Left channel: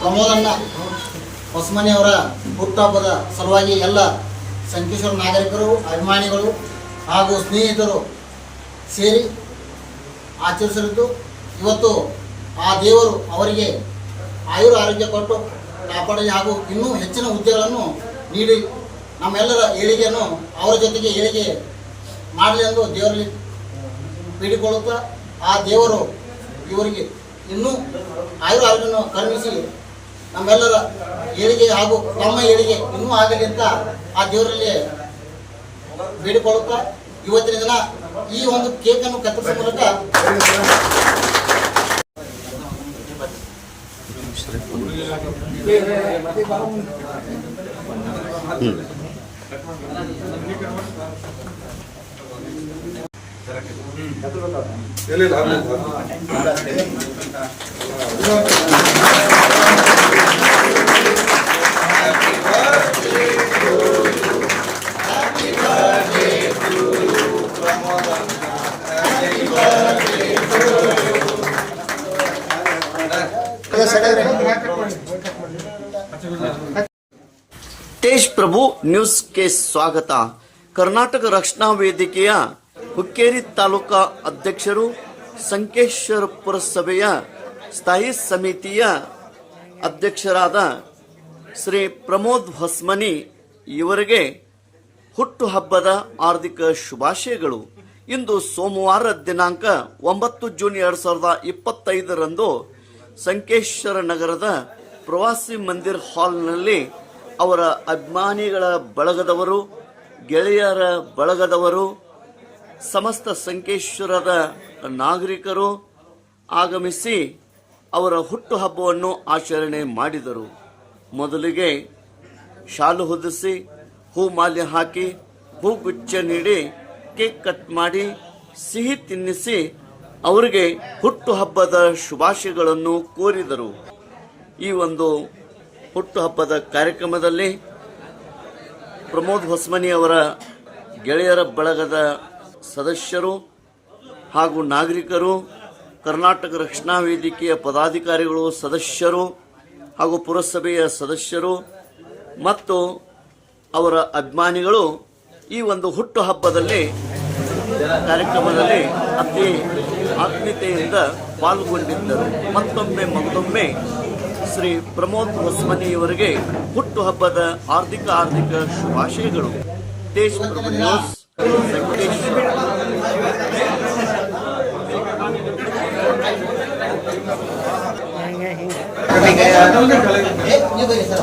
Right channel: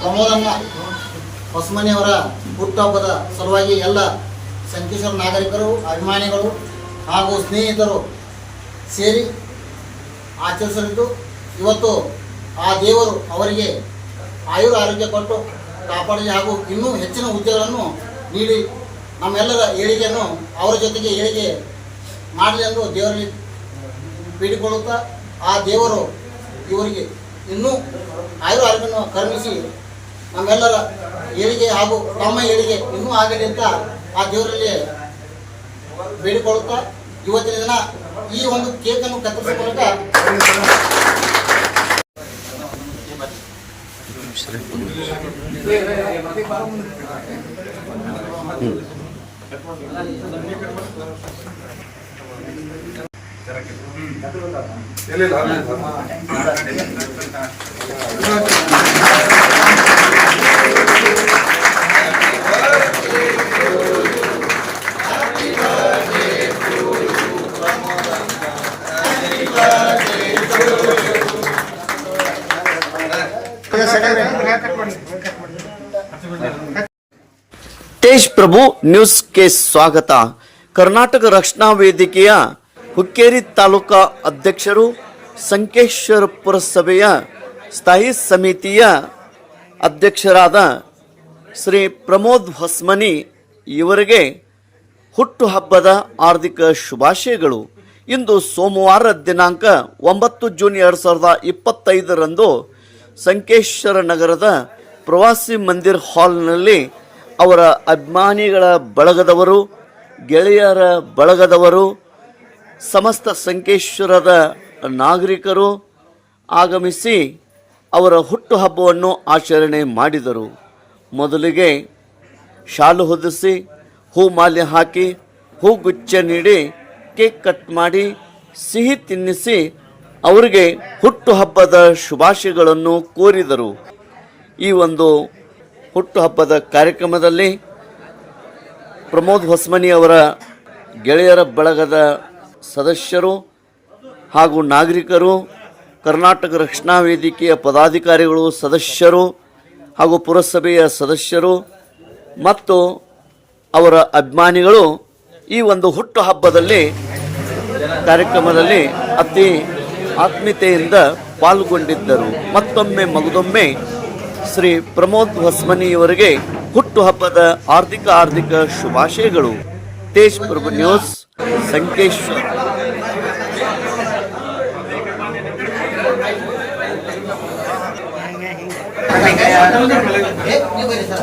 ಪ್ರಮೋದಣ್ಣ ಹೊಸಮನೆಯವರ ಹುಟ್ಟುಹಬ್ಬದ ಸಲುವಾಗಿ ಎಲ್ಲ ಸಂಕೇಶ್ವರ ನಾಗರಿಕರು, ಅಭಿಮಾನಿಗಳು ಹಾಗೂ ಸ್ನೇಹಿತರು ಸೇರಿ ಆಚರಿಸಲಿದ್ದು, ಇವತ್ತು ಆ ದೇವರು ಅವರಿಗೆ ಆಯುರ್ ಆರೋಗ್ಯ ಕೊಟ್ಟು ಕಾಪಾಡಲಿ ಹಾಗೂ ಇನ್ನೂ ಹೆಚ್ಚಿನ ಹುದ್ದೆಗಳನ್ನು ನೀಡಿ ನಮ್ಮೆಲ್ಲರ ಏಳಿಗೆಯನ್ನು ಅವರ ಜೊತೆಗೆ ಏಳಿಗೆ ಮಾಡಲಿ ಎಂದು ದೇವರಲ್ಲಿ ಬೇಡಿಕೊಳ್ಳುತ್ತಾ ಆ ದೇವರು ಇವರಿಗೆ ಇನ್ನೂ ಆಯುರ ಆರೋಗ್ಯವನ್ನು ಕರುಣಿಸಿ ನಮ್ಮೆಲ್ಲರ ಏಳಿಗೆ ಹಾಗೂ ತಮ್ಮ ಏಳಿಗೆ ಇನ್ನೂ ಆಗಲಿ ಅಂತ ಆ ದೇವರಲ್ಲಿ ಬೇಡಿಕೊಳ್ಳುತ್ತಾ ಇವತ್ತಿನ ದಿನ ಈ ಒಂದು ಕೇಕನ್ನು ಕತ್ತರಿಸುವ ಮೂಲಕ ತೇಜ್ ಪ್ರಭು ನ್ಯೂಸ್ಗೆ ಸ್ವಾಗತ ಕರ್ನಾಟಕ ರಕ್ಷಣಾ ವೇದಿಕೆಯ ಹುಕ್ಕೇರಿ ತಾಲೂಕಾ ಅಧ್ಯಕ್ಷರು ಸಂಕೇಶ್ವರ ಪುರಸಭೆಯ ಸ್ಥಾಯಿ ಸಮಿತಿಯ ಅಧ್ಯಕ್ಷರಾದ ಶ್ರೀ ಪ್ರಮೋದ್ ಹೊಸ್ಮನಿ ಇವರಿಗೆ ಹುಟ್ಟುಹಬ್ಬದ ಹಾರ್ದಿಕ ಶುಭಾಶಯಗಳು. ಇಂದು ಸೋಮವಾರ ದಿನಾಂಕ ಒಂಬತ್ತು ಜೂನ್ ಎರಡು ಸಾವಿರದ ಇಪ್ಪತ್ತೈದರಂದು ಸಂಕೇಶ್ವರ ನಗರದ ಪ್ರವಾಸಿ ಮಂದಿರ್ ಹಾಲ್ನಲ್ಲಿ ಅವರ ಅಭಿಮಾನಿಗಳ ಬಳಗದವರು, ಗೆಳೆಯರ ಬಳಗದವರು ಸಮಸ್ತ ಸಂಕೇಶ್ವರದ ನಾಗರಿಕರು ಆಗಮಿಸಿ ಅವರ ಹುಟ್ಟುಹಬ್ಬವನ್ನು ಆಚರಣೆ ಮಾಡಿದರು. ಮೊದಲಿಗೆ ಶಾಲು ಹೊದಿಸಿ, ಹೂ ಮಾಲೆ ಹಾಕಿ ಹೂಗುಚ್ಛ ನೀಡಿ, ಕೇಕ್ ಕಟ್ ಮಾಡಿ, ಸಿಹಿ ತಿನ್ನಿಸಿ ಅವರಿಗೆ ಹುಟ್ಟುಹಬ್ಬದ ಶುಭಾಶಯಗಳನ್ನು ಕೋರಿದರು. ಈ ಒಂದು ಹುಟ್ಟುಹಬ್ಬದ ಕಾರ್ಯಕ್ರಮದಲ್ಲಿ ಪ್ರಮೋದ್ ಹೊಸ್ಮನಿ ಅವರ ಗೆಳೆಯರ ಬಳಗದ ಸದಸ್ಯರು ಹಾಗೂ ನಾಗರಿಕರು, ಕರ್ನಾಟಕ ರಕ್ಷಣಾ ವೇದಿಕೆಯ ಪದಾಧಿಕಾರಿಗಳು, ಸದಸ್ಯರು ಹಾಗೂ ಪುರಸಭೆಯ ಸದಸ್ಯರು ಮತ್ತು ಅವರ ಅಭಿಮಾನಿಗಳು ಈ ಒಂದು ಹುಟ್ಟು ಹಬ್ಬದಲ್ಲಿ ಕಾರ್ಯಕ್ರಮದಲ್ಲಿ ಅತಿ ಆತ್ಮೀಯತೆಯಿಂದ ಪಾಲ್ಗೊಂಡಿದ್ದರು. ಮತ್ತೊಮ್ಮೆ ಮಗದೊಮ್ಮೆ ಶ್ರೀ ಪ್ರಮೋದ್ ಹೊಸ್ಮನಿಯವರಿಗೆ ಹುಟ್ಟುಹಬ್ಬದ ಆರ್ಥಿಕ ಆರ್ಥಿಕ ಶುಭಾಶಯಗಳು. Tej Prabhu news. ಸಂಕೇಶ್ವರ ಏ, ನೀವು ಬನ್ನಿ sir.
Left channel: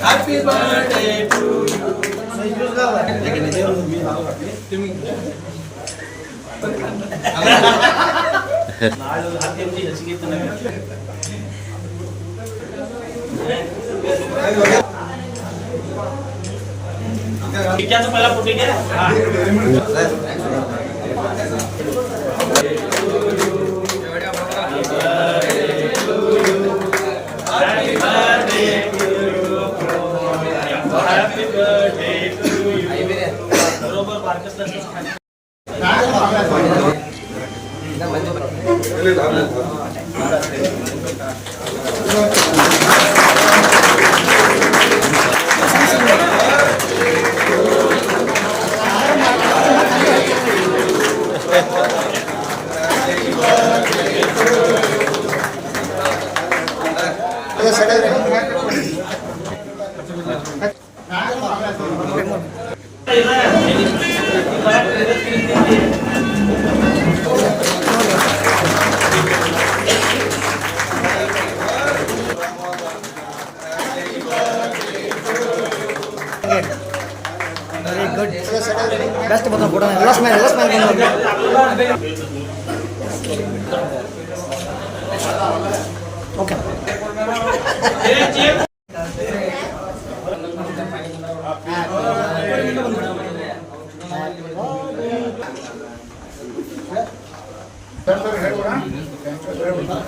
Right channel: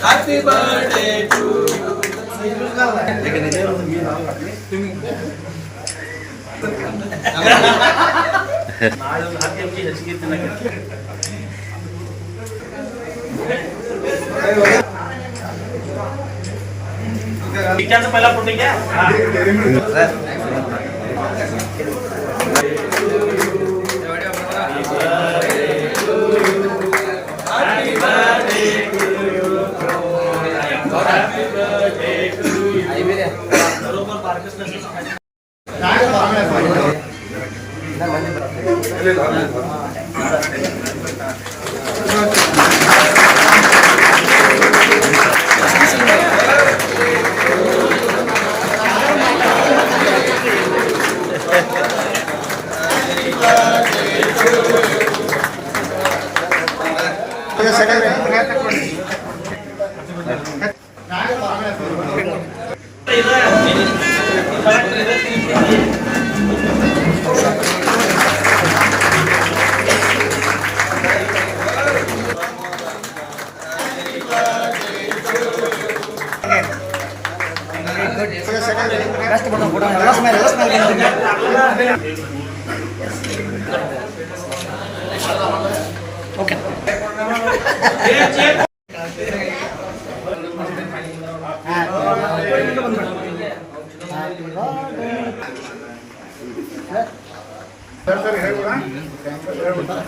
Happy birthday to you నాడు पहिला फोटो घ्या. Oke. button put Okay. Yeah.